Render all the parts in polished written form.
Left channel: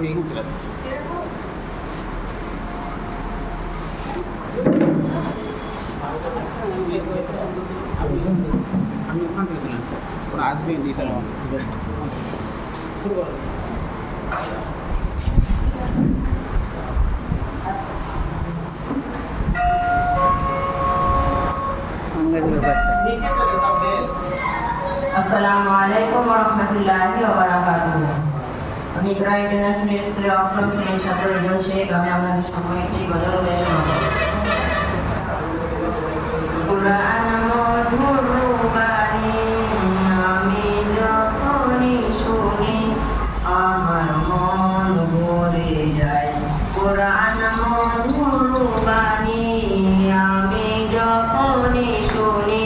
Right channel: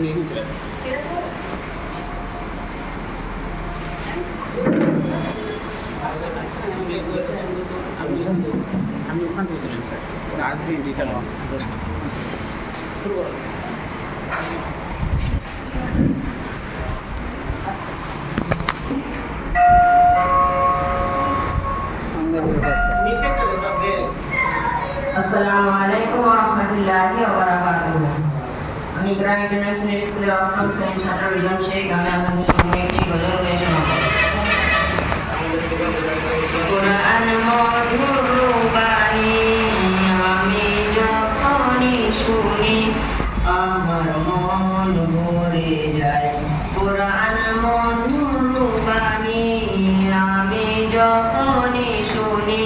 আমি এখানে চলে আসি। আমি ওখান থেকে তুলেন স্যার, ওরা আসবে দিতে শুরু করো। আসসালামু আলাইকুম ওয়া রাহমাতুল্লাহি ওয়া বারাকাতুহু। আমি ইকরা ইন্টারন্যাশনাল স্কুলের অষ্টম শ্রেণীর ছাত্র রিজন শেখ। আমি আপনাদের সামনে একটি গজল গাইতে শোনাবো। কোরআন মধুর বাণী আমি যখনই শুনি আমার মন ভরে যায়। কোরআন মধুর বাণী আমি যখনই শুনি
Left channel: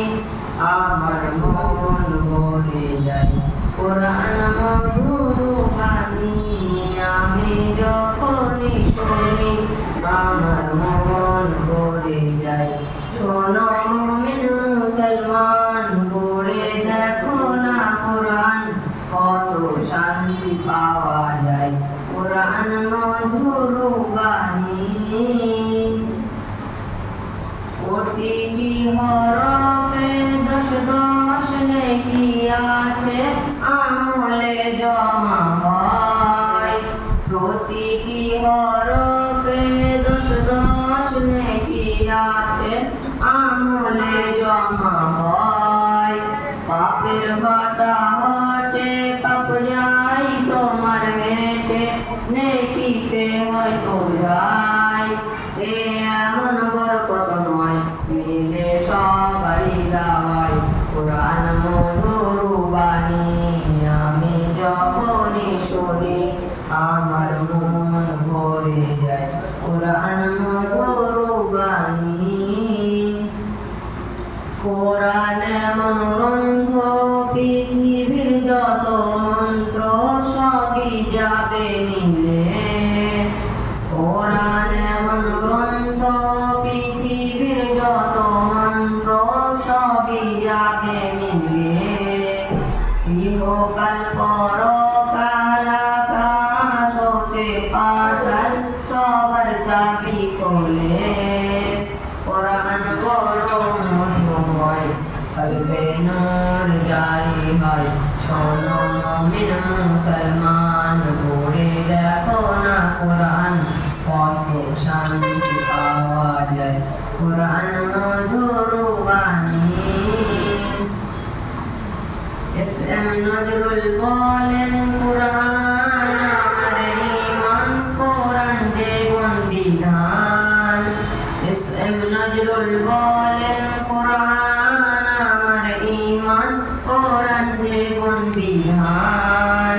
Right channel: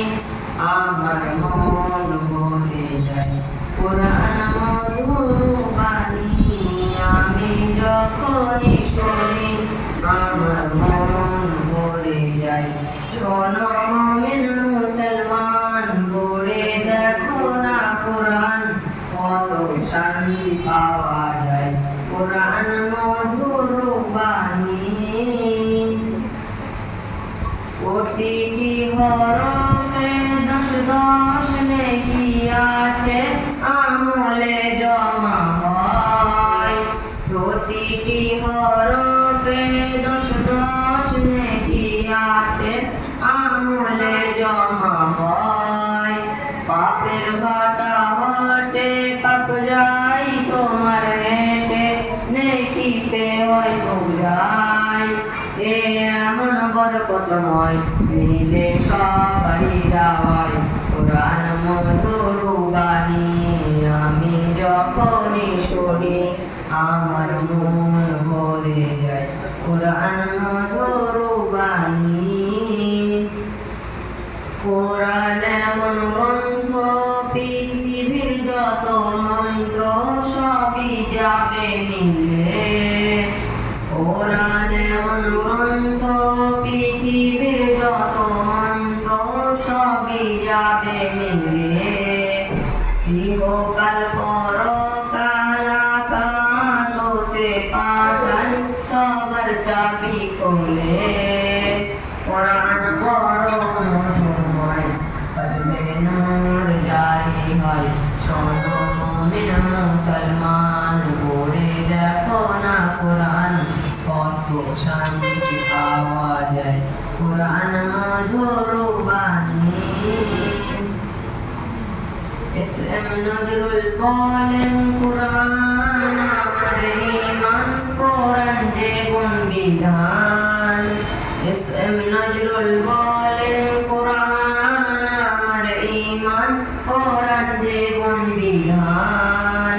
আমার মন ভরে যায়। কোরআন মধুর বাণী আমি যখনই শুনি আমার মন ভরে যায়। শোনো মুমিন মুসলমান, পড়ে দেখো না কোরআন, কত শান্তি পাওয়া যায়। কোরআন মধুর বাণী প্রতিটি হরফে দশ দশ নেকি আছে, আমলে জমা হয়। প্রতিটি হরফে দশ দশ নেকি আছে, আমলে জমা হয়। পাপের ভাতা হটে পাপ যাই তোমার হেঁটে, নেকিতে হয় বোঝাই। এমন বরকতময় মিলে সবারই গাওয়ায়। কোরআন মধুর বাণী আমি যখনই শুনি আমার মন ভরে যায়। কোরআন মধুর বাণী কোরআন এমন গ্রন্থ, পৃথিবীর যত মন্ত্র সবই যাবে মিলে। কোরআন এমন গ্রন্থ, পৃথিবীর যত মন্ত্র সবই যাবে মিলে। ইহকাল পরকাল আকাশ হতে পাতাল সবার চাবি খোলে। কোরআন বড় মধুময়, কলবে নূর জারি হয়। শোনো মুমিন মুসলমান, পড়ে দেখো না কোরআন, কত শান্তি পাওয়া যায়। কোরআন মধুর বাণী এস এম নজরুল বলেন, কোরআন আমার ঈমান, কোরআন জীবন বিধান। এস এম নজরুল বলেন, কোরআন আমার ঈমান, কোরআন জীবন বিধান।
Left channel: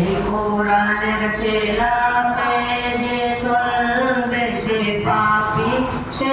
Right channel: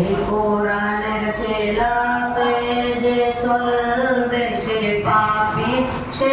এই কোরআনের খেলাফে যে চলবে সে পাপী, সে